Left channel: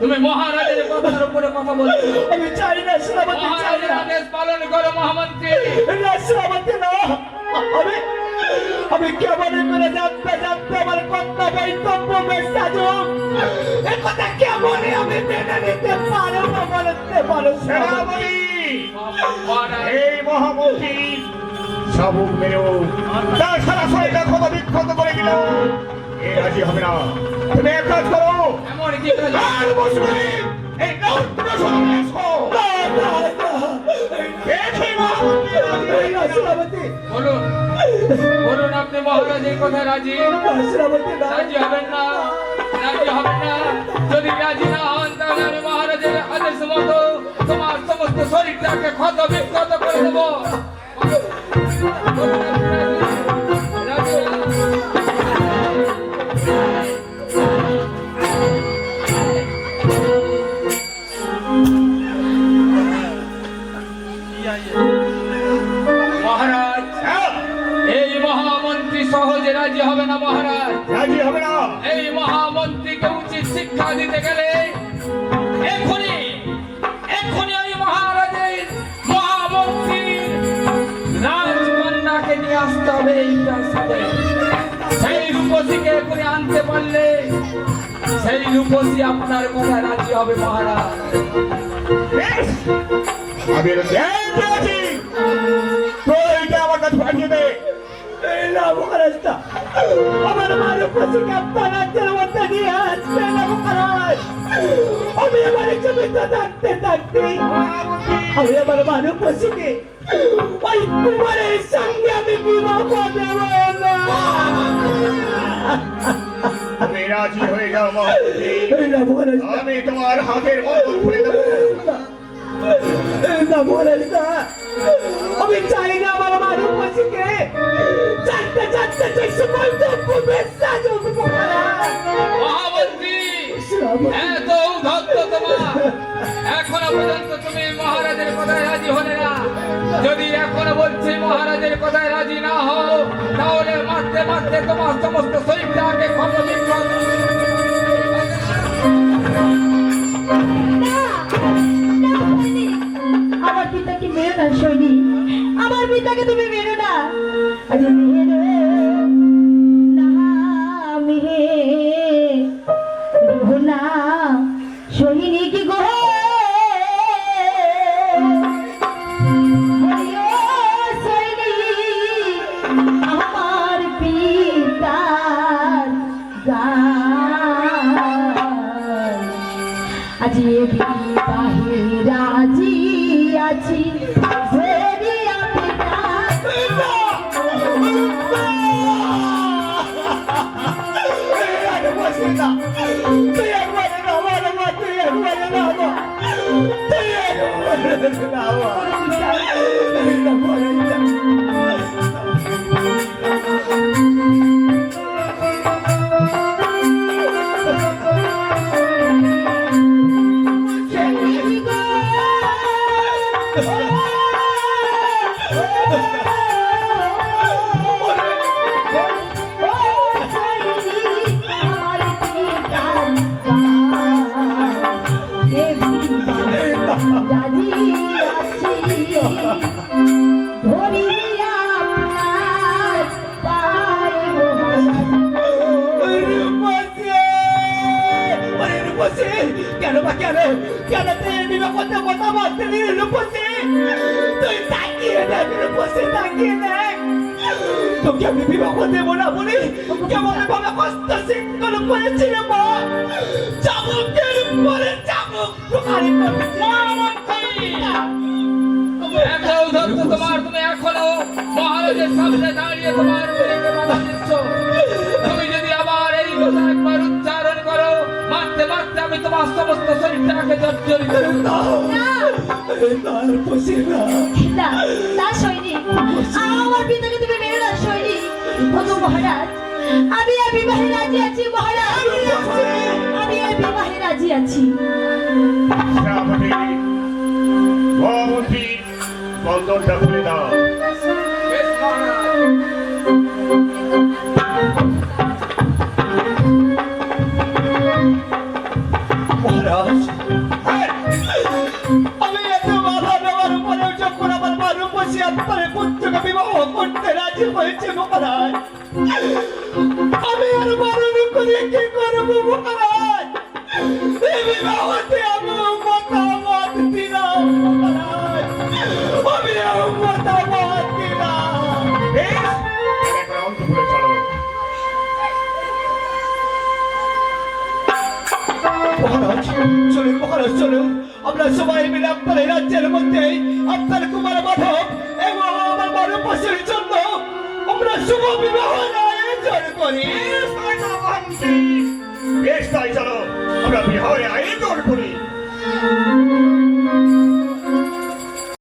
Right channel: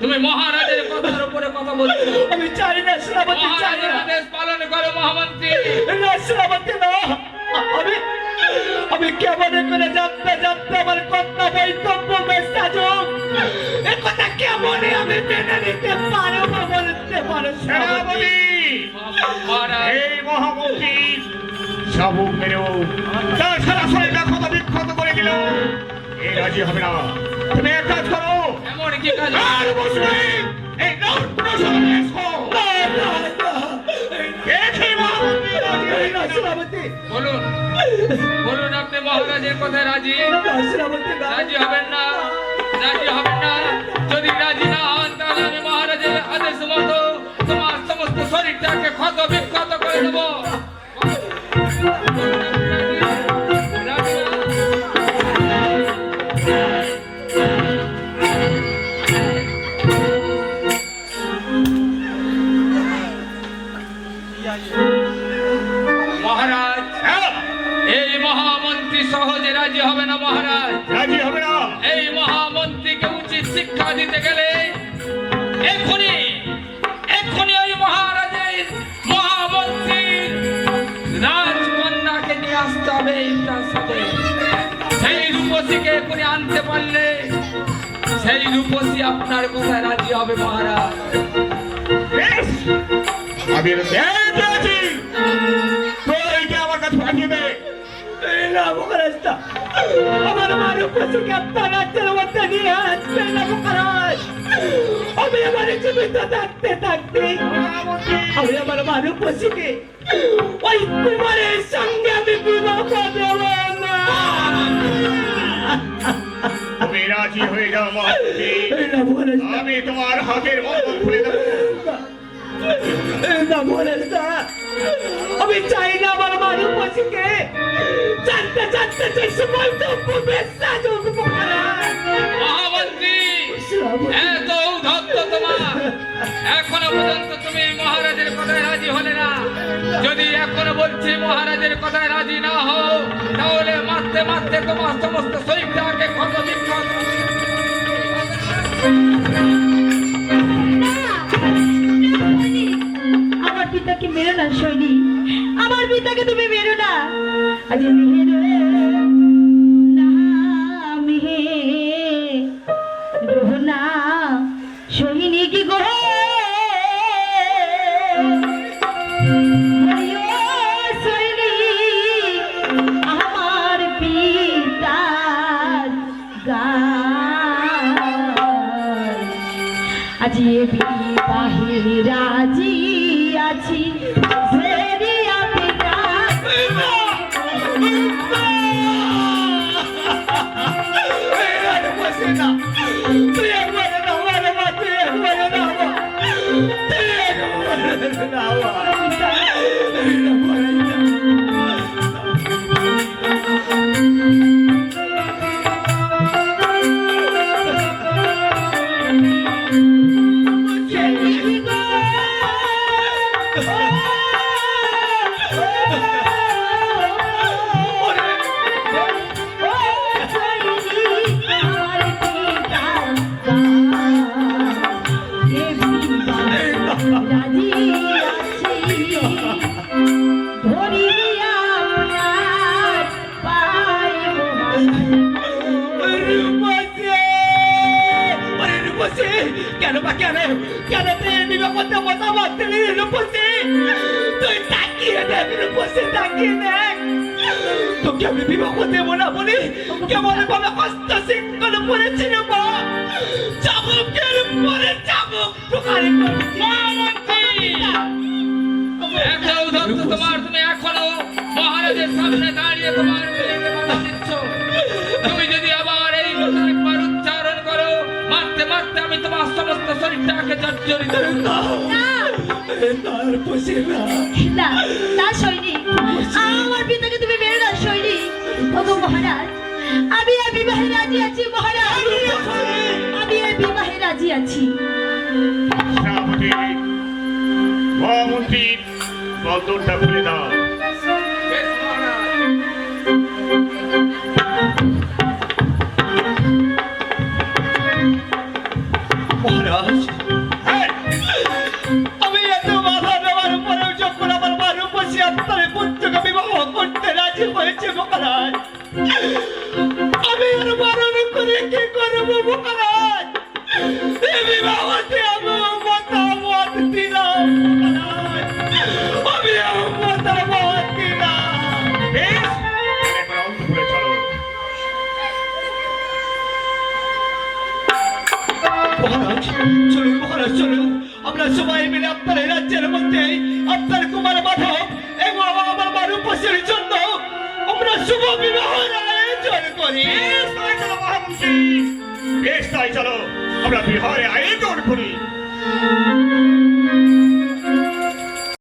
তুমি মহারাজের কথার উপরে কথা বলছো। আমি চাই না সেনাপতি, চাই মহারাজের না। আদেশ পালন করো মহামন্ত্রী। না সেনাপতি না, আমি কেমন করে জানতে জানতে আমার কর্তব্য মেসাজুক এ কথা কেমন আমি মেনে নিতে পারবো বলতে পারো সেনাপতি? এই মহামন্ত্রী শাবুক মেরেও তার সারা শরীরটা ক্ষত বিক্ষত করে দিল, এ রাজি হবে না। তুমি এক কাজ করো, এমন কি কাজ? আর বসবে এই নরপ্রসাদে এসো। দেখি মহামন্ত্রী সেনাপতি, বলুন বলুন আপনি মহারাজের কথায় রাজি? সেনাপতি না, রাজি হবেন না, রাজি হবেন না। যদি রাজি না হন তাহলে আমি মহারাজের আদেশ মতো তোমার সমস্ত শরীরটাকে ক্ষত বিক্ষত করে দেবো। মহারাজ, এই মহামন্ত্রী সহজে রাজি হবে না মহারাজ। রাজি হবে না। এই মহামন্ত্রীকে উচিত শিক্ষা দিতে গেলে এক্ষুনি এক্ষুনি এই মহারাজের মহামন্ত্রীর রাজকন্যাকে নিয়ে আসতে হবে এই প্রাসাদে। সেই রূপসীকে এক্ষুনি আনতে পারলে সেই রূপসী আপনার কথায় রাজি হবে মহারাজ। বেশ, আমি এবার দেখছি তোর আমার কাছে পাঠিয়ে দে। এই না মহারাজটা আমার মায়ের পশুকে আপনার রাজ্যের মধ্যে নিয়ে আসবে না মহারাজ। আমি আমার জীবিত থাকতে থাকতে আমি আমার মায়ের পশুকে ওই কুমারের সঙ্গে আমি বিবাহ দেব না। তুমি রাজি হয়ে যাও মহামন্ত্রী, এই না মহারাজটা, আমি তোমার হাতের বন্ধন খুলে দেবো। এই না মহারাজটা, আমি চাই না আমার মায়ের পশুকে জানতে জানতে যে সময় মহামন্ত্রী, এত ঔদ্ধত্য তোমার, এখনো পর্যন্ত তুমি মহারাজের কথায় রাজি হলে না। যদি এখনো বলছি মহারাজের কথায় রাজি না হও তাহলে মারতে মারতে তোমার সমস্ত শরীরটাকে ক্ষত বিক্ষত আমার পিতাকে মেরো না সৈনী, আমার পিতাকে তুমি মেরো না। আজ মেরো না মেরো না সৈনী কি গো সৈনী আমার পিতার গান আজ বিবাহে রাজি আছি ভেরিয়া পিতা। তুই একবার আমার মাকে একবার নামা, তুই একবার নামা। কেন বা কেন কেন তুই নিরাপত্তা মতামত দিলি রূপসী? তুই তাকিয়ে দেখ রূপসী, তাকিয়ে দেখ। তোকে আমি বিবাহ দেবো না বলি কেমন ভাবে কষ্ট সিংহল করেছিল মা। চাবুকের পরে চাবুক প্রকারী এত ঔদ্ধত্য তোমার, তুমি এখনো মহারাজের সামনে দাঁড়িয়ে তোমার বিয়েতে বাধা দিচ্ছ। তুমি যদি আবার এই কথা একবার উচ্চারণ করো মারতে মারতে আমি তোমার সমস্ত শরীরটাকে জর্জরিত করে দেব। না না সৈনী, আমার পিতাকে তুমি মেরো না সৈনী। ওগো মহারাজ, আমি এই বিবাহে রাজি আছি মহারাজ, আমি এই বিবাহে রাজি আছি। সেনাপতি, মহামন্ত্রী বন্ধনটা খুলে দাও। বেশ মহারাজ। মহারাজ মহারাজ আমি এত বাধা দেওয়ার পরেও যখন আমার মা রূপসী আপনার পুত্রকে বিবাহ করতে রাজি হয়েছে মহারাজ, আমি আর বারণ করে কি করবো মহারাজ? এই বিবাহতে আমার মতামত দিলাম মহারাজ, আমি মতামত দিলাম। বেশ, এবার অন্তপুরে চলো। মহারাজ চলুন, মহারাজ চলুন, আমরা সবাই মিলে আপনার এই রাজ্যের মধ্যে আপনার কুমার মাধব এবং আমার মানবপসের জন্য আমরা শুভ বিবাহের আয়োজন করি। বেশ, তাই চলো মহামন্ত্রী। বেশ, তাই চলো আমরা বিবাহের আয়োজন করি।